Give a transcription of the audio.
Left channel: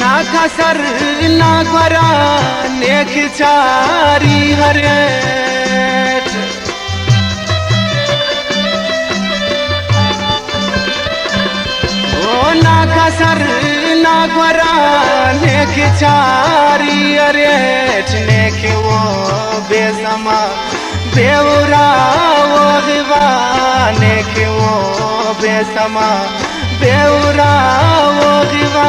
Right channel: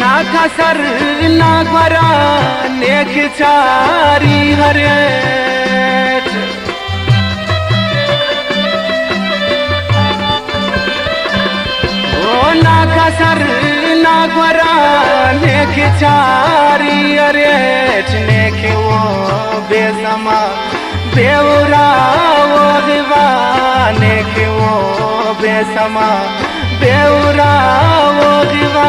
ना खसर ना घरा नेक चारी हरेट ना खसर ना घरा नेक चारी हरेट नेक वो बेसमा देवरा वो दिवा नेक वो बेसमा देवरा वो दिवा